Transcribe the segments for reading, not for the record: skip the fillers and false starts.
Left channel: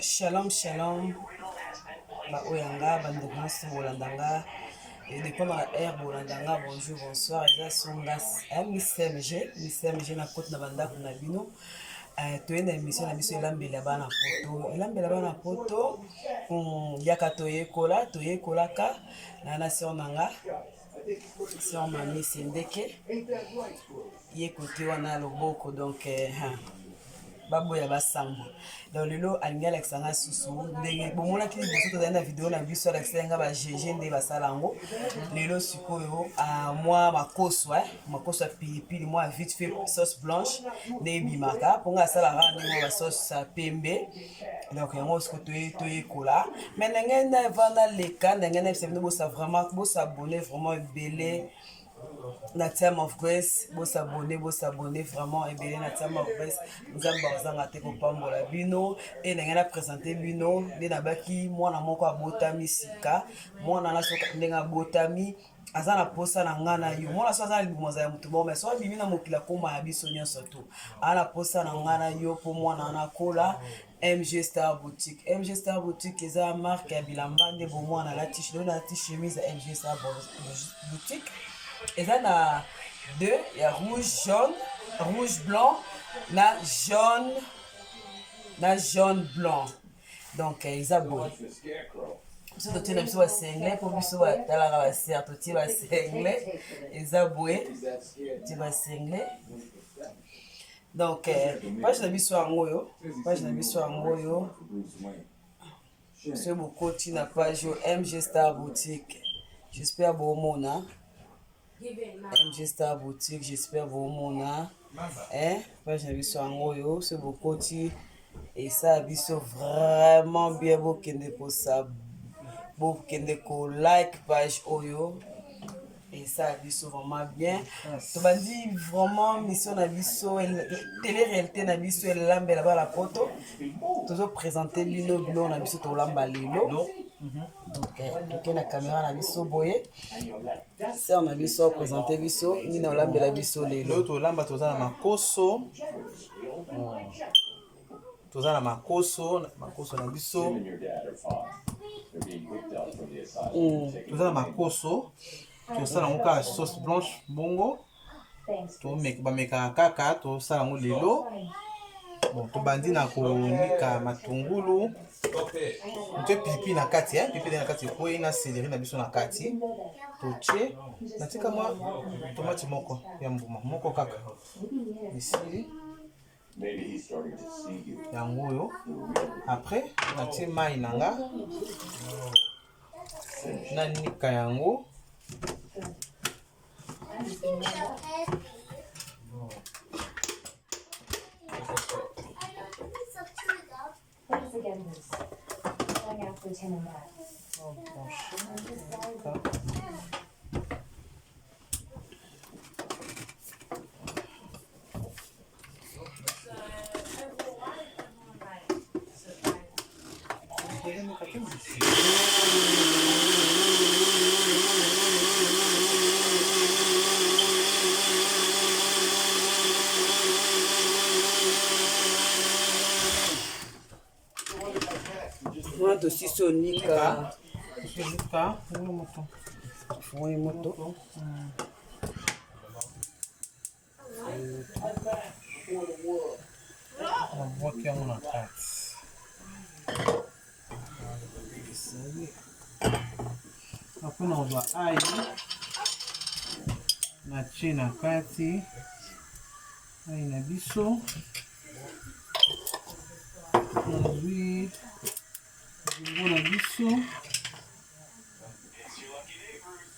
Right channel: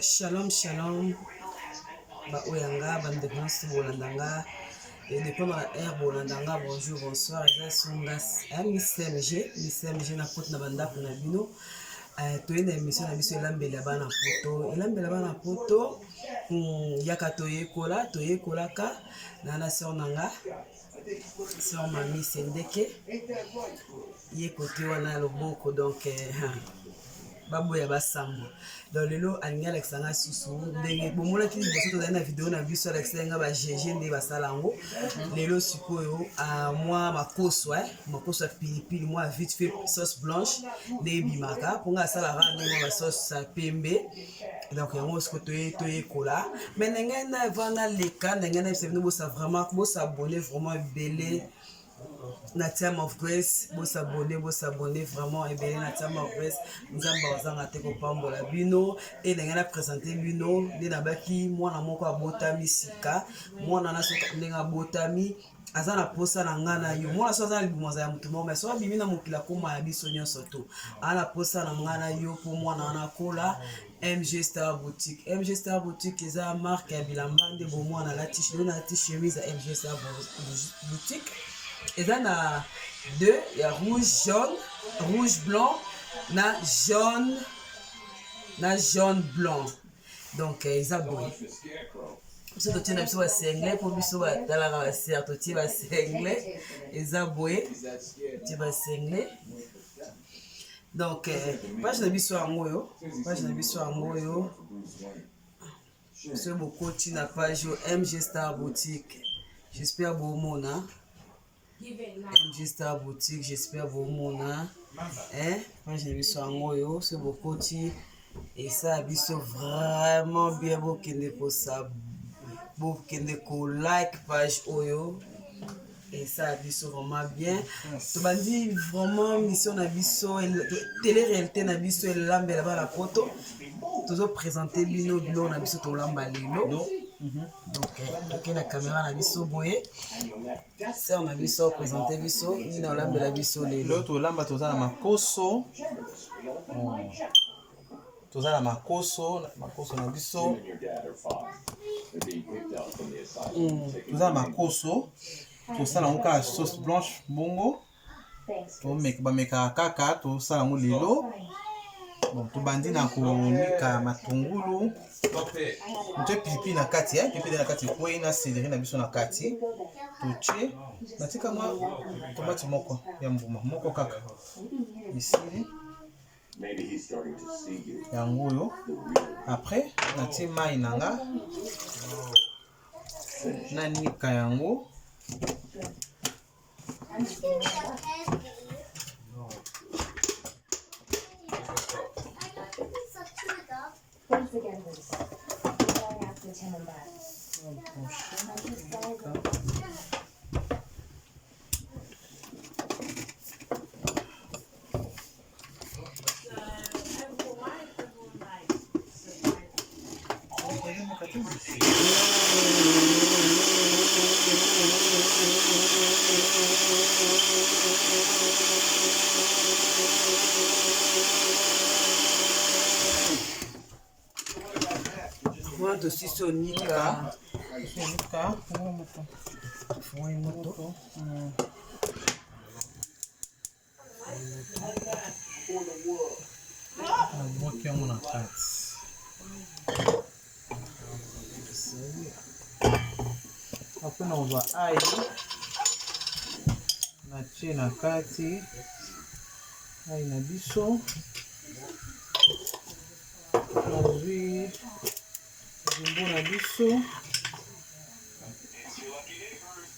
Shalom, shalom. Oyanga, bande France, Bolandanga. Et depuis dans la air, Bolandanga, bonjour, bonsoir. Et ça, Miss MG, na côte na banda pour Nabino. Tu es une émission na biso elambela bana poto. Elambela bana poto. Yaka toye kola ka. Nana sœur nanga. Sœur Mami Sendeke. Yé côté wana loboko donc baboya basambo. Donc lelo alingi alexanga susu ndenge bomonaki liboso tozali na video na biso alexanga ba GG nde basala yango lelo sikoyo mwa makoso ya pilipili mwa vite fait sauce blanche nde ebimaka mponga asalaka ndenge ba sauce ya pembe donc yango siko toyekola mais ndenge na vana leka ndenge na bisabino bosabone vraiment ebele na Time of Grace, s'abonner vraiment et na Time of Grace. Nous avons te kopambola bino et n'a présenté bino les nabaki moi na moko abotami sika moi na soka ndenga botami azana posa na ngana yo moi na so azana libumoza ya mutu mais so bimi na mokila koma ya biso nyonso to ala posa na ngana yo pour moi na kola MG Star Boutique. MG Star Boutique est une marque ya bilamba nde bo moi na la t-shirt chemise à MG Star Boutique. Et là, on a deux, il y a rouge blanc, na jaune blanc. Donc, ils ont beau. Si tu as un single, pour que tu aies un single, ils ont beau. Tu as un single. Donc, page de biso angoyo. C'est beaucoup de la page MG Star Boutique. J'espère que vous avez MG Star Boutique, j'espère vous mona. Moi j'ai vu sur Angoyo, c'est beaucoup et ça a vu vraiment bien beau kende ko ça, beau kende ko like page Oyo et ça a vu vraiment bien. Tu m'as dit vraiment mission na biso télé réalité na biso lambe là-bas la photo. Toujours présenter bino na biso to lamba lelo. Donc la caméra na biso boye c'est on a biso présenter biso ni na lamba la biso lelo l'autre lamba toza na makoso na biso toza na makoso tosala ngo ka sauce blanche bongo to meka kaka tosala ngo lelo bon tobandi na konika matungulu tu pipi na kati pipi na kati ko ina céleri na biso na kati toche natika mwa tomate moko ya mbuma moko kaka ici yango oyo après natie mai nanga nanika yango Thanks again, Liz. Long after Tim and Matt. moi aussi sonika moto boki yango na kati après nakozwa ai natie na kati ai na biso nazwi jumbo na biso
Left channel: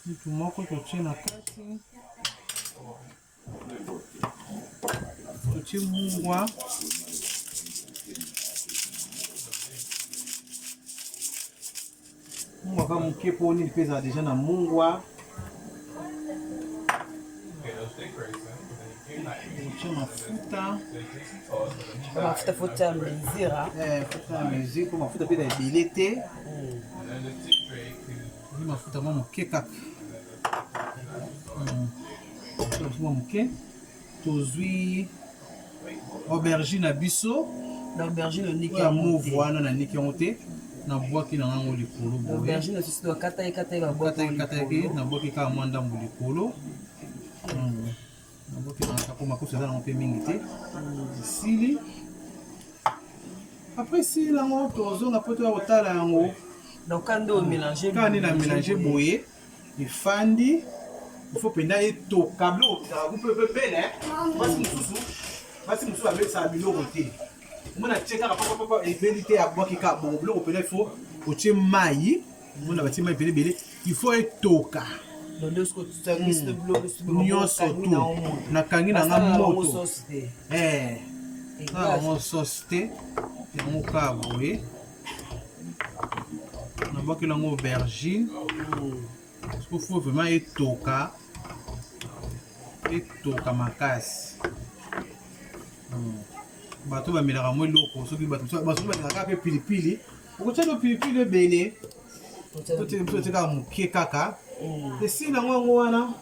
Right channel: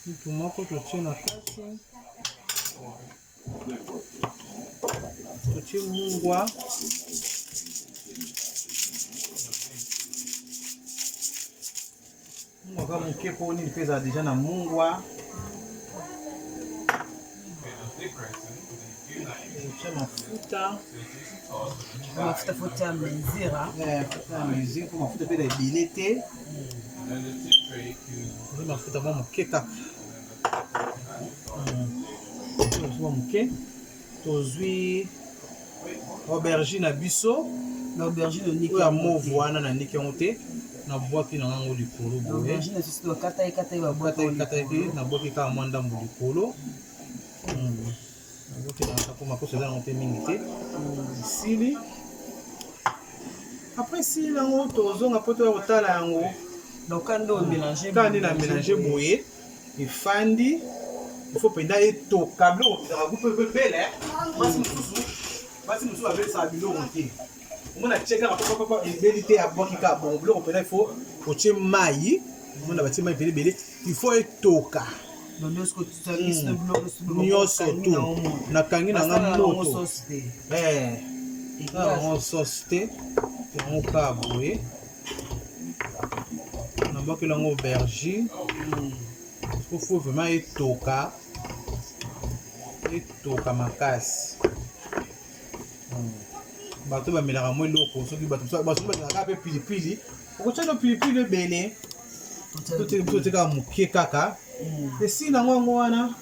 mtu moko totie na kati totie mungwa kaka moke mpo nini mpe ezala deja na mungwa otie mafuta ya mesure mpo mafuta mpe na ebele te ezi mafuta mwa moke kaka moke tozwi aubergine na biso na aubergine oniki oyo ya mauve wana nandiki yango te nabwaki na yango likolo boye aubergine lisusu bakata ye kataki nabwaki kaka mwa ndambo likolo nabwaki na po makoso eza nango mpe mingi te esili après esili yango tozonga mpo toya kotala yango donc kandi oyo mélange kandi na mélange boye efandi ifo mpenza etoka biloko ezaka kupe bele basi mosusu babelisaka biloko te omona tie kaka papapapa ebeli te abwaki kaka bongo biloko mpenza ifo otie mai omona batie mai ebele ebele ifo etoka nyonso tu nakangi nanga moto nango sauce te yango kaka boye nabwakeli yango aubergine parce que faut vraiment etoka makasi bato bamelaka mwa eloko soki bato balingaka mpe pilipili okotia no pilipili ebele totekaka moke kaka esili nango yango wana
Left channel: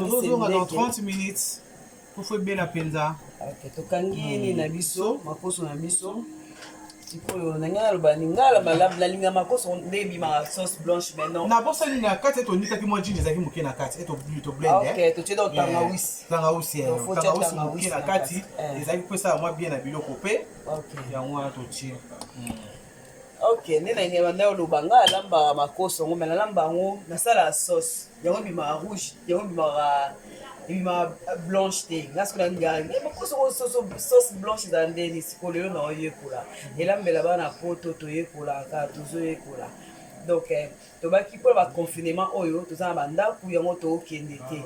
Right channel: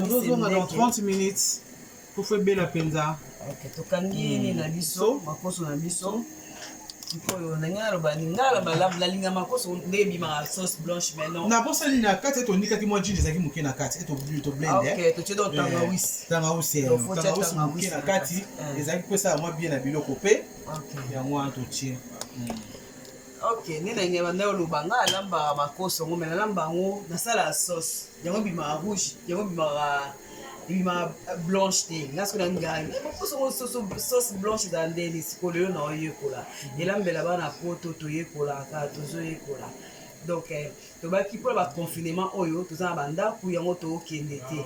tozozonga dans 30 minutes pofo ebela mpenza tokangi nini na biso makoso na biso oyo nanga naloba ningala malamu nalinga makoso nde ebimaka sauce blanche maintenant nabosali na kati ete onikaki mwa jine ezalaki moke na kati ete toblende totie donc tangawisi moke na kati ezalaki kopesala mwa bien na biloko mpe yango wana totie ok nde nange banda oloba nga alambaka makoso yango me nalamba yango nasala sauce yango ebimaka rouge yango ebimaka blanche te nga soki naningaka makoso sauce blanche ezala ndeni sikoyo lelo na oyekola elambela bana poto toyekolaka tozoyekola donc tobaki mpona baconfinement oyo toza na bandako yango tookende te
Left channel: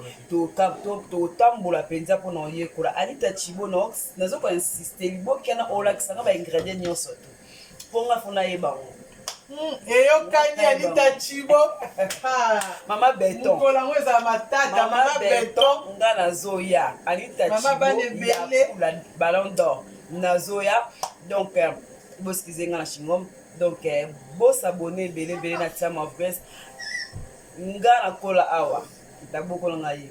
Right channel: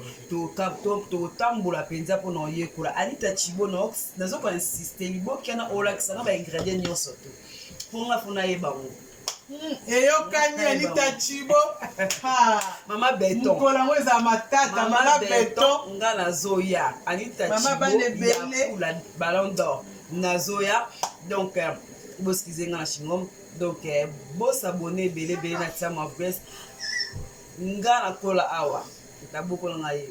totambola mpenza mpona oyekola anita chibo nazokola insiste libokana olakisanga baingrédient nyonso to mponga fona yebango eyokani anita chibo mama beton mokolo yango ezala matata mama beton nga nazoya anita chibo ya ballon d'or nazoya donc boskize nga na chingom donc bosabone ebele na tia mavres nga nakola awa tabokola nga ye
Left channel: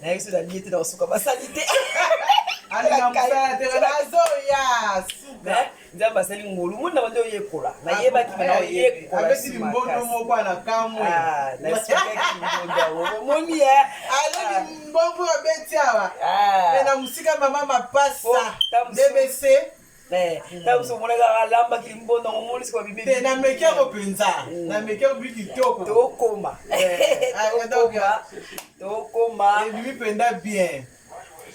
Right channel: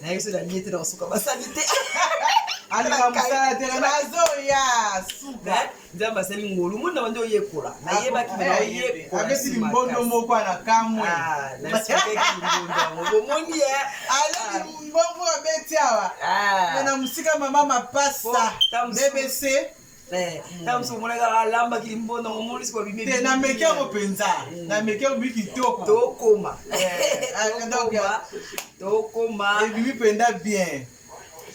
nayebi so nalie te na kosuka basali te nzambe asali ngolu moni na bandi oyekola nayebaki mena oyekolabesi limbondo moko ana kamwe nasikaki limbondo yango bomoni ali mbongo abeti awa na mosika mama mapasa bbc tamoso omonaka alambaki limbondo yango omoni siko babimi te na meke yango mpenza na meke yango biki kitoko tokoma ebimi mpenza bien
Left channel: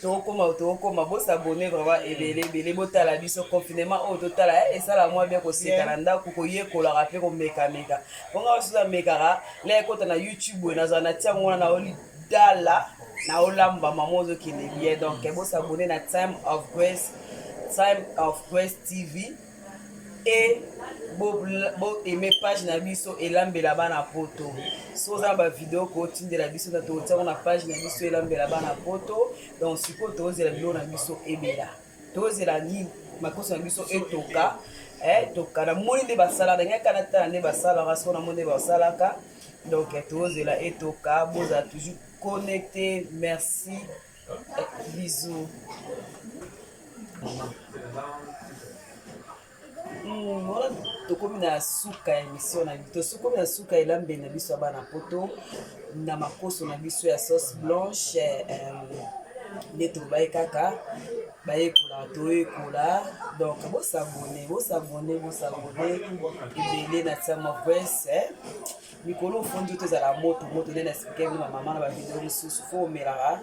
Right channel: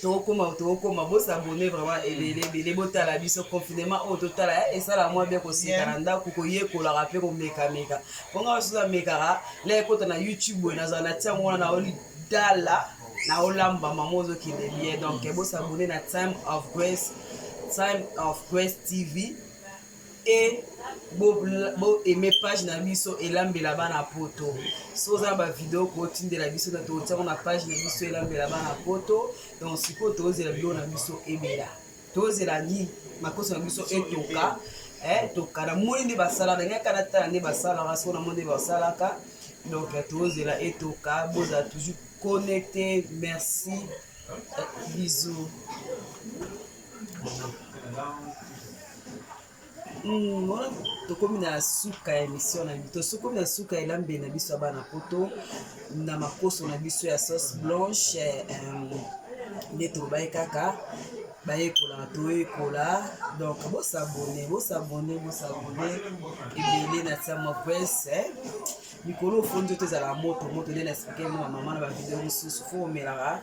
tokoma bosabone vraiment ebele botala biso confinement oyo totala esala mwa bien koseka na ndako koyekolaka mpe komekameka mponga basusu amekaka la ekota na youtube oyo nazala na tia ngwana na olidala na olamba mama ozokende bien donc bosabone na time of grace tv e bo aime page na biso elambela bana poto so oza na bavideo kootindela biso na totiango na page na biso elambela bana poto donc sikoyo tozela biloko na biso ebela tozela nini makoso na biso etoka toka na moni nde basalaka ngaka na tala nde basalaka siko na moni nde basalaka donc tozela etoka bozala toujours connecté merci bisous tokomi na suka ya émission na biso tokomi na suka elambeli na biso ya bana poto na makoso na biso ya sauce blanche nde tobaye kaka bayekolaka toyekola donc bosabone ebele na tia mavres mikolo ofondi oyo tozala moto nde na explike ngo na mama na bavideo mosusu fo omelaka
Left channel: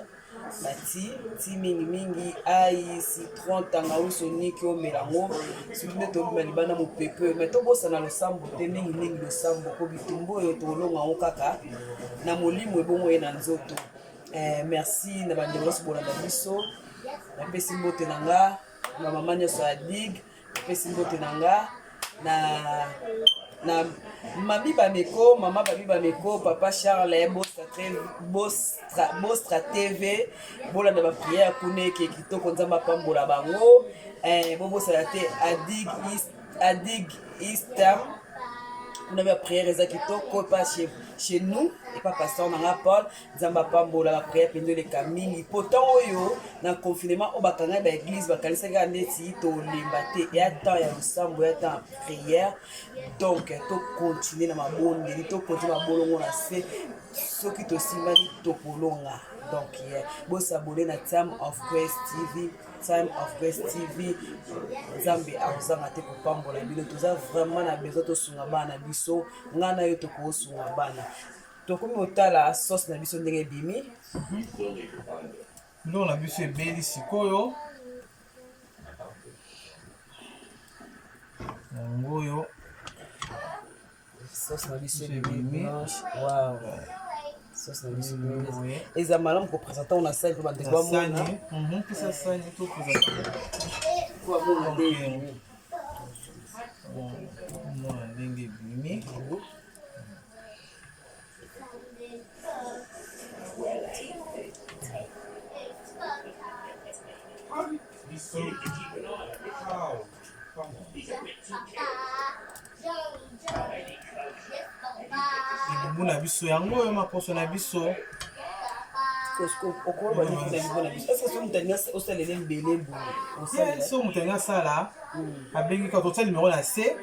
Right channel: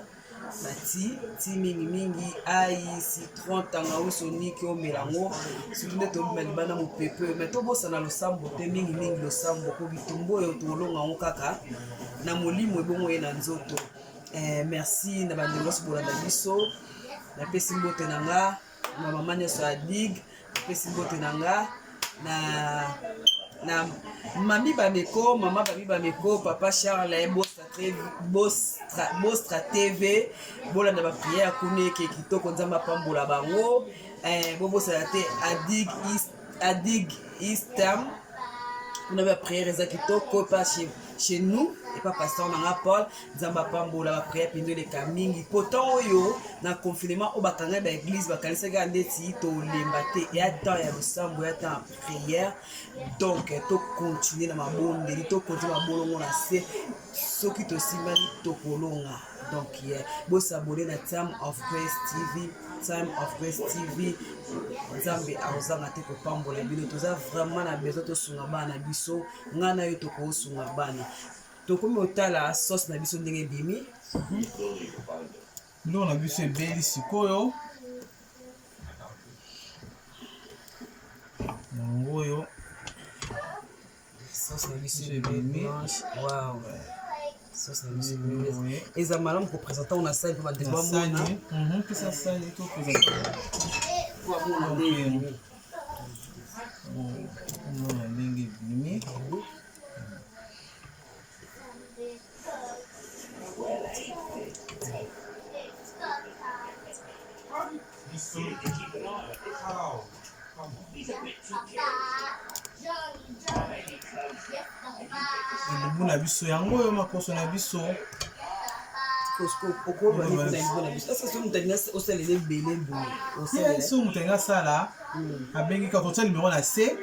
ti mingi ai citron tangawisi oniki omelango soki nde tobima libanda mopepe oyo mai tobosana losambo te mingi losambo po bitumbu oyo tolonga ngo kaka na molimo ebongo ye na nzoto merci na bandeko nyonso bolanda biso napesi mbote na nga na mama nyonso ya dig napesi mbote na nga na mama bameko papa Charles Bostra TV bolanda bapriere kuna eke kitoko nzambe apambola bango bobosala te adig istam kuna bapriere eza kitoko pa chez nous et pas pasteur nanga Paul nzamba pambola ba prière pendo le kamingi pourtant oyo na confinement o bakanga ba église bakalisa ga ndeti to lembate et attend ya losambo ya temps prière donc to continuer na mabonde to continuer mabolongo na se soki to simali to kolonga donc bo s'abonner na Time of Grace TV. Time of Grace TV Nzambe aozanga te kopambola bino toza vraiment na besoin to sunga bana biso ngana yo to ko sunga bana to komi otala sauce na biso ndenge bimi biloko na biso ebeli sikoyo yango oyo sauce na biso bimi wow sauce na biso bimi eza malamu ko présenter on a ça pour bandeko mona pesa sani to présenter kwa mona ndenge mona ndenge bimi elubu na biso yango oyo maposo na biso so moto alingi asala abengi kaka totia numero na se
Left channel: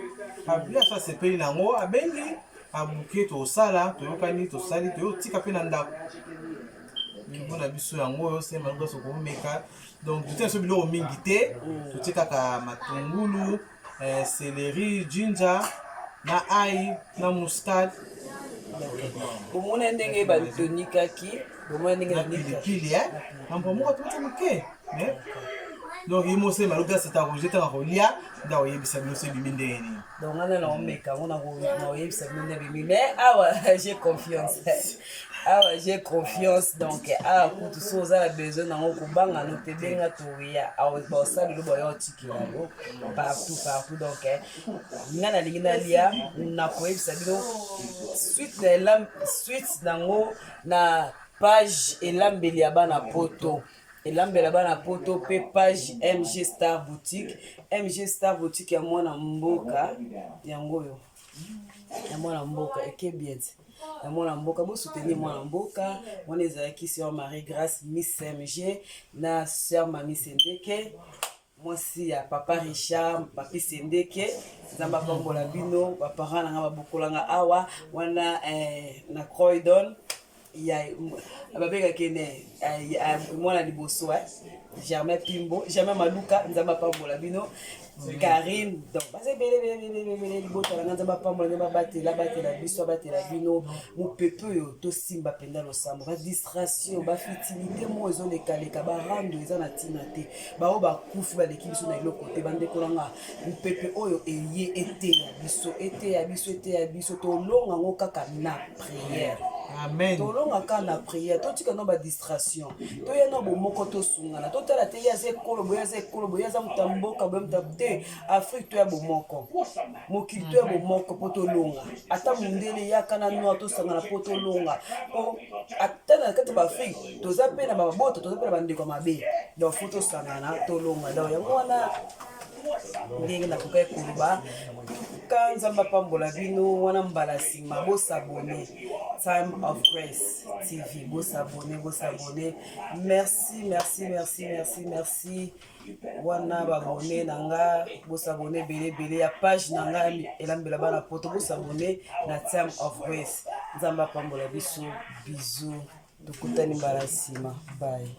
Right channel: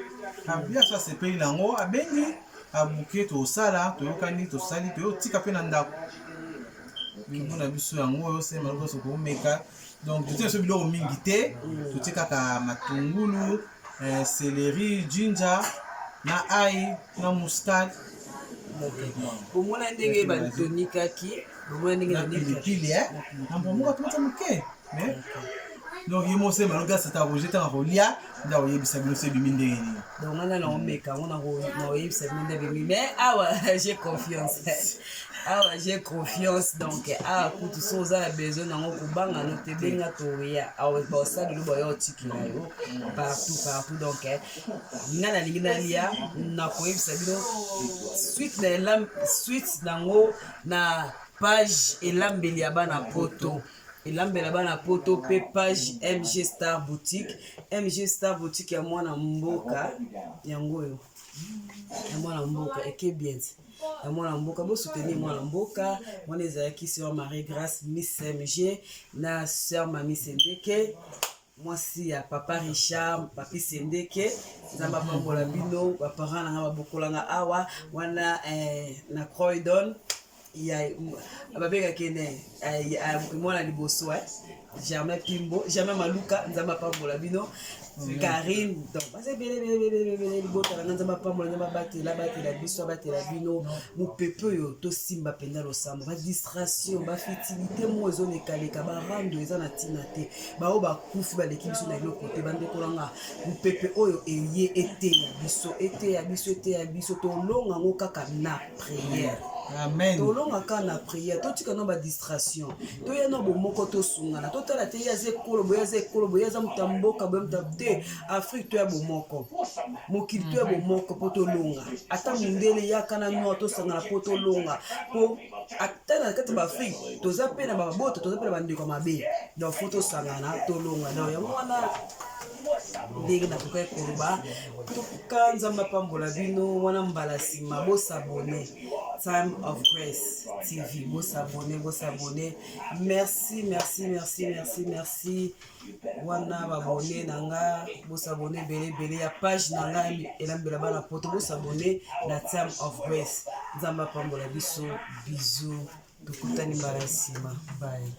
abiaso asepeli nango abengi abuke tosala toyokani tosali toyotika mpe na ndako elubu na biso yango oyo se maloko nyonso komeka donc totia biso biloko mingi te totie kaka matungulu céleri ginger na ai na muscade omona ndenge batonikaki omona ndenge na pilipili na mbwa moko tomata moke donc ye mose maloko asata roje ntanga kolia nda oyebisa bino so ebimi ndenge nini donc ngana na omeka ngo na oyebisa bino ndenge ebimi mais awa j'ai confiance awa j'ai confiance donc awa kutu so oza na besoin nango kobanga no te benga toya awa baosalelo boya otikela yo partout donc nga nalingi nalia nakoyebisa bino suite nango na page elambeli ya bana poto elambela bana poto pe page MG Star Boutique ya mwana mboka yango oyo ya mwana mboka ekebiet ya mwana mboka bo soutenir mwana mboka mwana ezalaki sœur Marie Grâce Miss MG na sœur Mami Sendeke mwasi ya papa Richard papi Sendeke nzamba pambola bino baparent nanga babokolanga awa wana na Croydon ya babeka kene mwana liboso Germain Pimbo Germain Maluka nzamba pambola bino Karine donc base bele libota na nzamba pambola nzamba batela biso batela bino mupepe yo to simba penda losambo ba distraction ba futilité mo ezoleka ba rando eza na tina te ba o ba kufu ba leki biso na eloko te bande kolanga mupepe oyo eye ete ya biso to longa ngo kaka na prière. Amen. Tolonga ka na prière, totika no ba distraction. To ya no bomoko to sungana. To tala te ya ze kolo boya za mutamboka boya mutabte Afrique to ya bomoko. Mokili to ya bomoko poto longa. Ata mundele ya kana no to sangana poto longa. Po atana kati ba Afrique to za pe na ba boto to za pe na bandeko mabe. Donc photo sangana to longa. Donc yango wana ndenge na kokai koloba tuka nzamba pambola bino wana mbala sima bo s'abonner Time of Grace TV bo s'abonner merci wana babone nanga bo s'abonner bele ya page nanga elambela bana poto bo s'abonner na Time of Grace nzamba pambola biso bisous tukutani mbala sima bye.